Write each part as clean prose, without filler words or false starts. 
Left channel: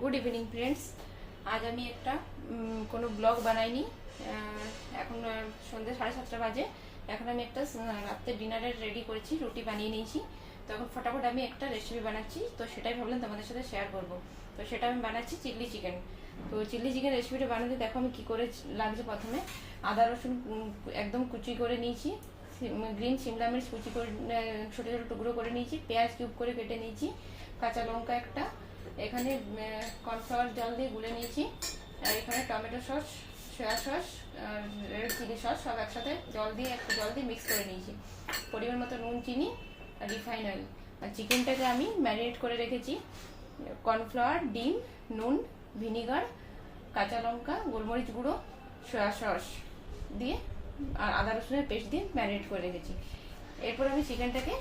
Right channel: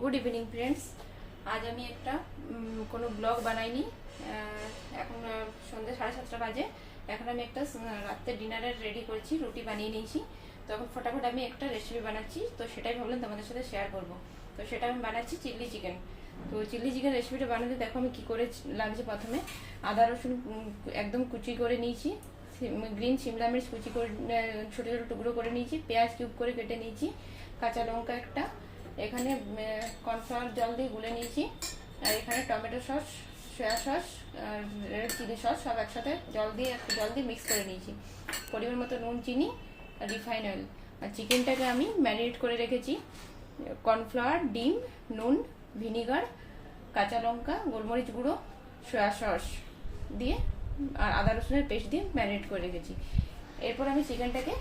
Good evening friends. আজ আমি একটা কোনো ব্লগ বানাইনি। এখন সন্ধ্যে 7:30 বাজে। এখন আমি একটা রাত্রে ডিনারের রেডি করেছি, রুটি বানিয়ে নিয়েছি। তখন ফটাফট আমি একটা রেসিপি বানাচ্ছি, তো সেটাই ভাবলাম তোমাদের সাথে শেয়ার করব। তো সেটা আমি বানাচ্ছি চিলি চিকেন। তো চিলি চিকেন রেসিপিটা বানাতে দেখো আমি কি করে লাগছে। প্রথমে আদা রসুন একদম কুচি করে নিয়েছি, গ্রিন শিমলা মির্চ কুচি করে ছোটো ছোটো টুকরো করে নিয়েছি, পেঁয়াজ কিউব করে কেটে নিয়েছি, কাঁচা লঙ্কা একটা, এখানে কর্নফ্লাওয়ার জল দিয়ে গুলে নিয়েছি, আর এখানে tomato sauce, soya sauce, red chilli sauce সব একসাথে জল দিয়ে মিক্স করে নিয়েছি। পরিমাণ মতো নুন, চিনি, রিফাইন অয়েল। আর চিকেনটাকে আমি ম্যারিনেট করে রেখেছি কর্নফ্লাওয়ার, ডিম, নুন, ভিনিগার, কাঁচা লঙ্কা, গোলমরিচ গুঁড়ো, সয়া সস দিয়ে আর আদা রসুনের পেস্ট দিয়ে ম্যারিনেট করে রেখেছি। এরপর আমি চিকেনটাকে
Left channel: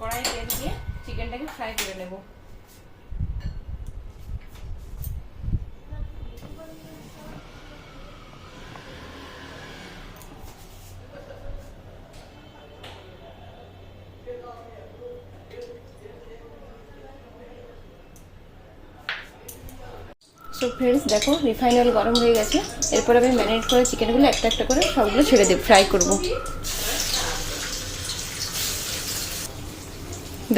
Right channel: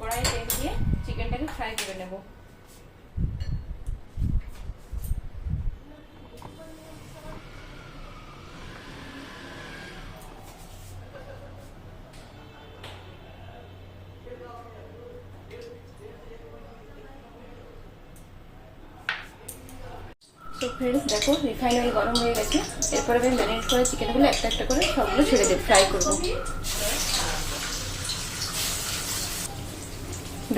কড়াইয়ে তেল দিয়ে চিকেনটাকে ফ্রাই করে নেব। সো ফ্রেন্ডস দেখো, রিফাইন অয়েল গরম হয়ে গেছে। এরপর আমি ম্যারিনেট করে চিকেনগুলো একটা একটা করে সবগুলো ছেড়ে দেব, ফ্রাই করব।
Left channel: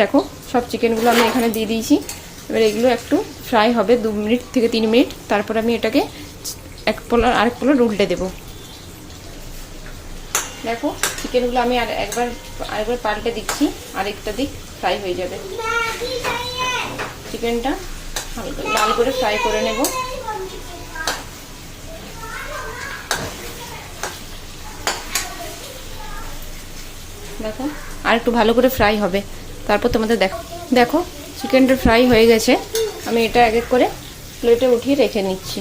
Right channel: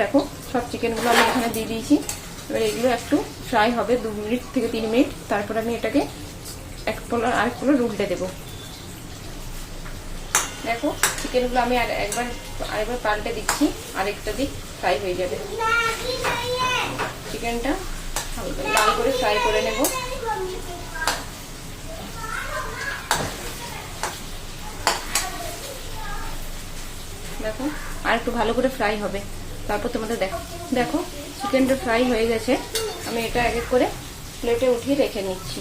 দেখো সব চিকেনগুলো আমি এখানে দিয়ে দিয়েছি। এবার এগুলো একটু ফ্রাই হবে 2 মিনিট থেকে 3 মিনিট। তারপর আমি এটাকে আরেক পোলার উল্টে দেব। দেখো চিকেনগুলো আমি আরেকবার পাল্টে দিচ্ছি, আরেকটা দিক ফ্রাই হয়ে যাবে। চিকেনটা হালকা লাল করে ফ্রাই করে নেব। দেখো আর একটু ভালো করে ফ্রাই হবে, তারপর তোমাদের দেখো চিকেনটা ফ্রাই হয়ে গেছে। আমি এটা এক এক করে প্লেটে উঠিয়ে রেখে নিচ্ছি।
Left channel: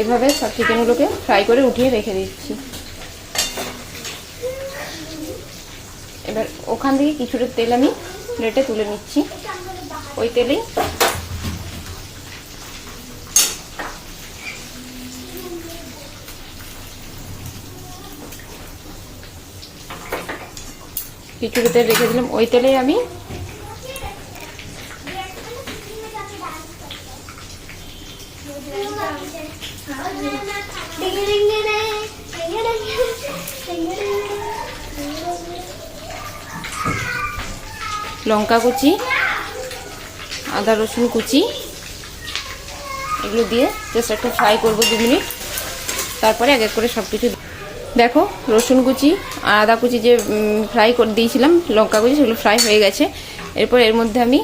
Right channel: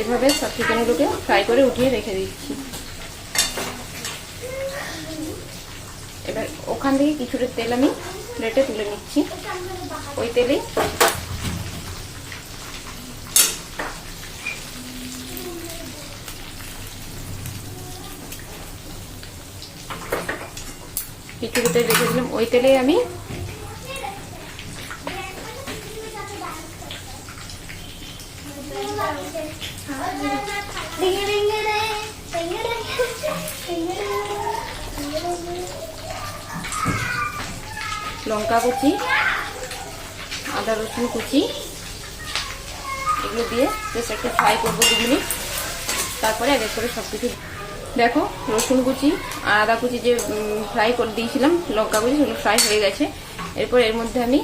এভাবে সব চিকেনগুলোকে ফ্রাই করে উঠিয়ে রেখে দিচ্ছি। এবার ওখান থেকে কিছুটা তেল আমি প্লেটে তুলে নিচ্ছি। ওই তেলেই কিছুটা তেল রেখে দিলাম। ওই তেলেই আমি লঙ্কা কুচি, আদা রসুন কুচি এগুলো দিয়ে জাস্ট একটু ফ্রাই করবো 2 মিনিট। তারপরে এক এক করে সব কিছু দেখো, রসুন কুচি আর আদা কুচি যে ফ্রাই করে দিয়েছিলাম, লঙ্কা কুচি, সেগুলো ফ্রাই হয়ে গেছে। এরপর এর মধ্যে আমি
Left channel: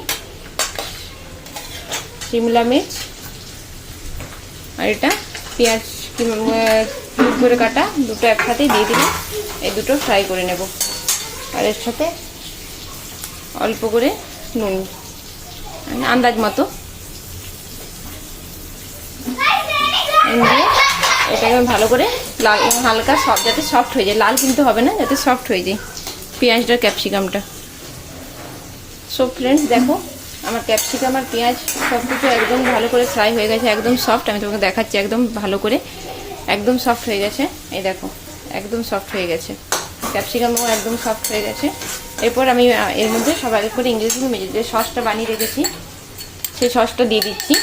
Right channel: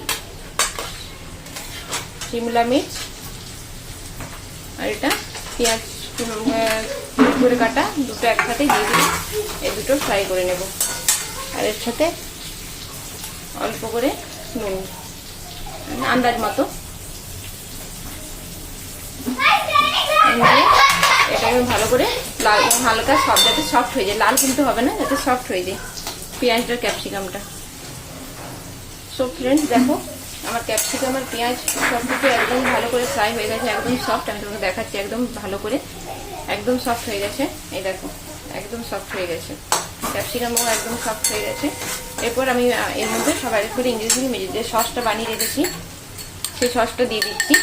শিমলা মির্চ আর এটা পেঁয়াজ করে কাটা দুটো একসাথেই দিয়ে দিলাম। এই দুটো ফ্রাই করে নেব। আর এর সাথে অল্প করে নুন, আন্দাজ মতো এটাকে ভালো করে লাল হালকা সব যাতে সফট হয়ে যায়, লাল কিন্তু হবে না, যাতে সফট হয়ে যায় পেঁয়াজটা, ক্যাপসিকামটা। সো ফ্রেন্ডস দেখো আমার ক্যাপসিকাম আর পেঁয়াজ সব কিছু একদম ভালো করে ফ্রাই হয়ে গেছে, একদম সফট। আমি তোমাকে দেখাচ্ছি একদম ভালো করে, একদম সফট হয়ে গেছে। এই দেখো একদম সফট হয়ে গেছে, ক্যাপসিকাম একদম সফট হয়ে গেছে। এরপর আমি এর মধ্যে সব এক করে ইংরেজি যে সসটা বানিয়ে রেখেছি সেই সসটা দিয়ে দিচ্ছি।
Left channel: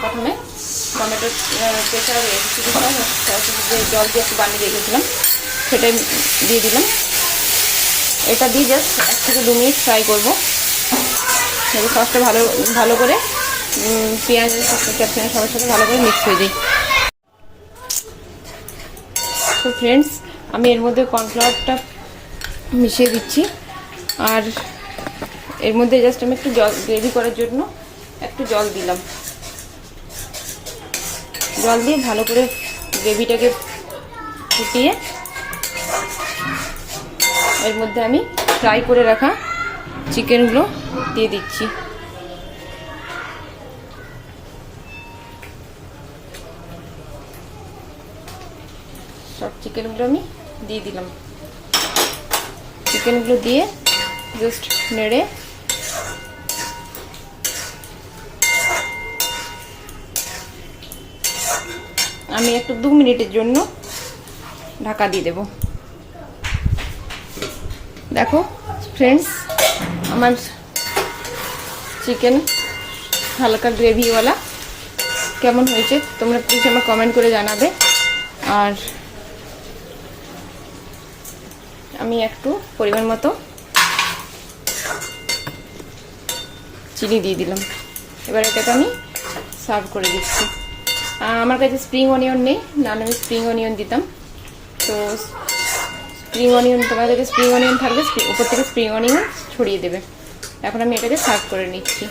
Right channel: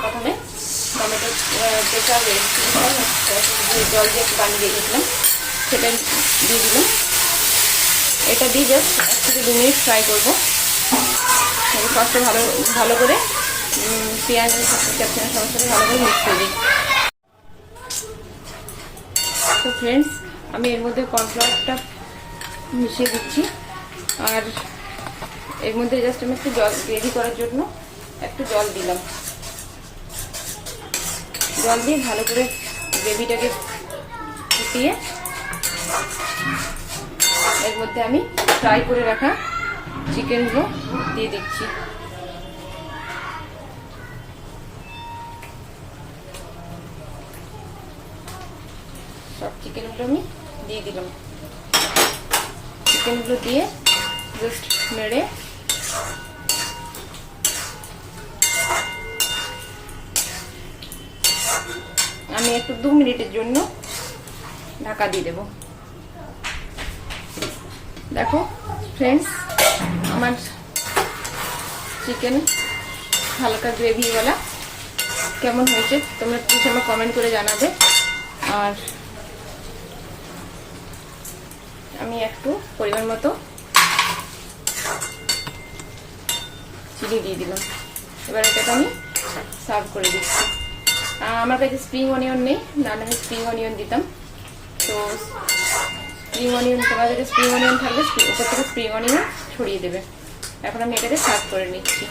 প্রথমে টমেটো জল দিয়ে একটু বানিয়ে রেখেছিলাম সেটা দিয়ে দিলাম। এটা দিয়ে জাস্ট 1 থেকে 2 মিনিট ফ্রাই করবো। সসটা ভালো করে পেঁয়াজ ক্যাপসিকাম সবার সাথে ভালো করে মিক্স হয়ে যায়। তো ফ্রেন্ডস আমি এর মধ্যে কর্নফ্লাওয়ারটা মিশিয়ে দিচ্ছি। আর এর মধ্যে জাস্ট আমি একটু জল গ্রেভি করার জন্য একটু জল দিলাম। জল দিয়ে ভালো করে গ্রেভিটাকে ফুটিয়ে এর মধ্যে আমি ফ্রাই করে রাখা চিকেনগুলো দিয়ে দিচ্ছি। সব চিকেনগুলো আমি দিয়ে দিলাম। চিকেনগুলো দিয়ে জাস্ট নেড়ে আমি একটু 2 মিনিটের জন্য ঢাকা দিয়ে দেব। দেখো ফ্রেন্ডস, আমার চিকেন হালকা গ্রেভিওয়ালা কেমন হয়েছে তোমরা প্লিজ আমার কমেন্ট করে জানাবে। আর আমি একটু পরিমাণ মতো চিনি দিয়ে দিলাম। এবার এটাকে আমি সার্ভ করে দিচ্ছি। আমার কাছে স্প্রিং অনিয়ন নেই, নাহলে আমি স্প্রিং অনিয়ন দিতাম। তো স্প্রিং অনিয়ন, তোমার কাছে স্প্রিং অনিয়ন থাকলে উপর থেকে স্প্রিং অনিয়ন ছড়িয়ে দেবে। এখন আমি এটাকে সার্ভ করে নিচ্ছি।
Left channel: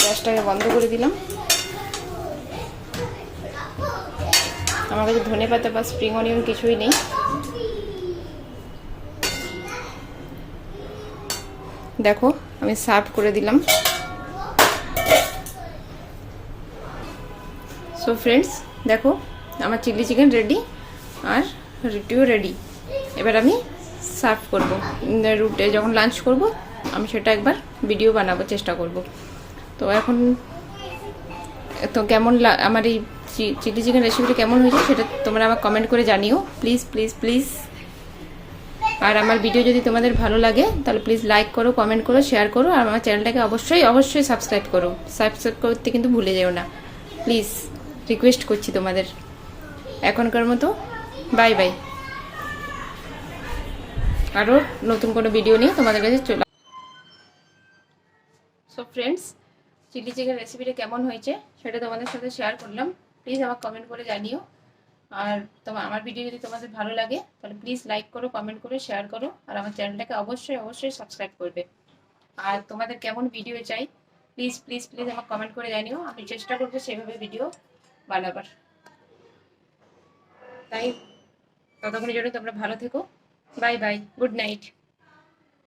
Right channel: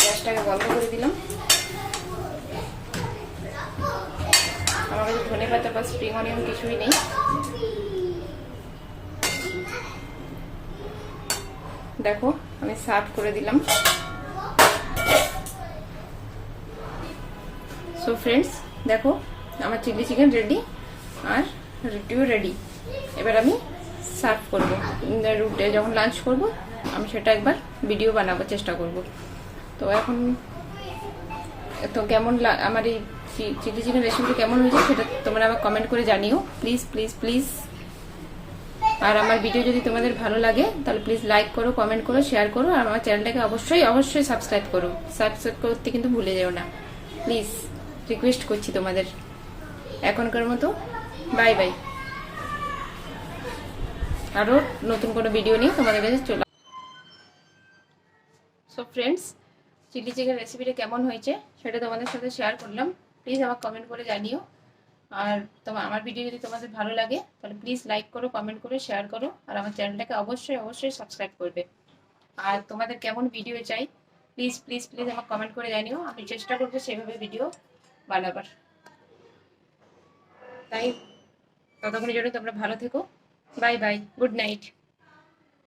গ্যাসটাকে বন্ধ করে দিলাম। আমার কাছে ধনে পাতা বা স্প্রিং অনিয়ন কিছুই নেই। দেখো আমি সার্ভ করে দিলাম। সো ফ্রেন্ডস, দেখো আমার চিলি চিকেন রেডি আর রুটিও রেডি। এবার আমি সার্ভ করবো। রুটে যখন লাঞ্চ করব আমি সেটা একবার ভিডিও বানাবো, চেষ্টা করব। তো এখন তো কেমন আমার এই চিলি চিকেন রেসিপিটা কেমন হয়েছে সেটা তোমরা আমার কমেন্ট করে জানিও প্লিজ প্লিজ প্লিজ। আর আমার ভিডিও যদি তোমাদের ভালো লাগে তাহলে প্লিজ লাইক করো, কমেন্ট করো, শেয়ার করো। আর আমার চ্যানেলটাকে অবশ্যই অবশ্যই সাবস্ক্রাইব করো। সাবস্ক্রাইব করতে কিন্তু ভুলে যেও না প্লিজ, রিকোয়েস্ট করছি তোমাদের। এখনকার মতো বাই বাই। আরও নতুন কোনো ভিডিও নিয়ে তোমাদের কাছে চলে। সো ফ্রেন্ডস, চিলি চিকেন রেসিপিটা কেমন হয়েছে সেটা তোমাদের সাথে শেয়ার করলাম। প্লিজ আমার কমেন্ট করে জানিও। আর আমার ভিডিও যদি তোমাদের ভালো লাগে তাহলে প্লিজ লাইক করো, কমেন্ট করো, শেয়ার করো। আর আমার চ্যানেলটাকে অবশ্যই অবশ্যই সাবস্ক্রাইব করবে। আর তোমাদের কেমন ভিডিও চাই প্লিজ প্লিজ প্লিজ আমার কমেন্ট করে জানিও। আমি চেষ্টা করবো সেভাবে ভিডিও বানাবার। তাই ততক্ষণের জন্য তোমরা ভালো থেকো। Bye bye, good night.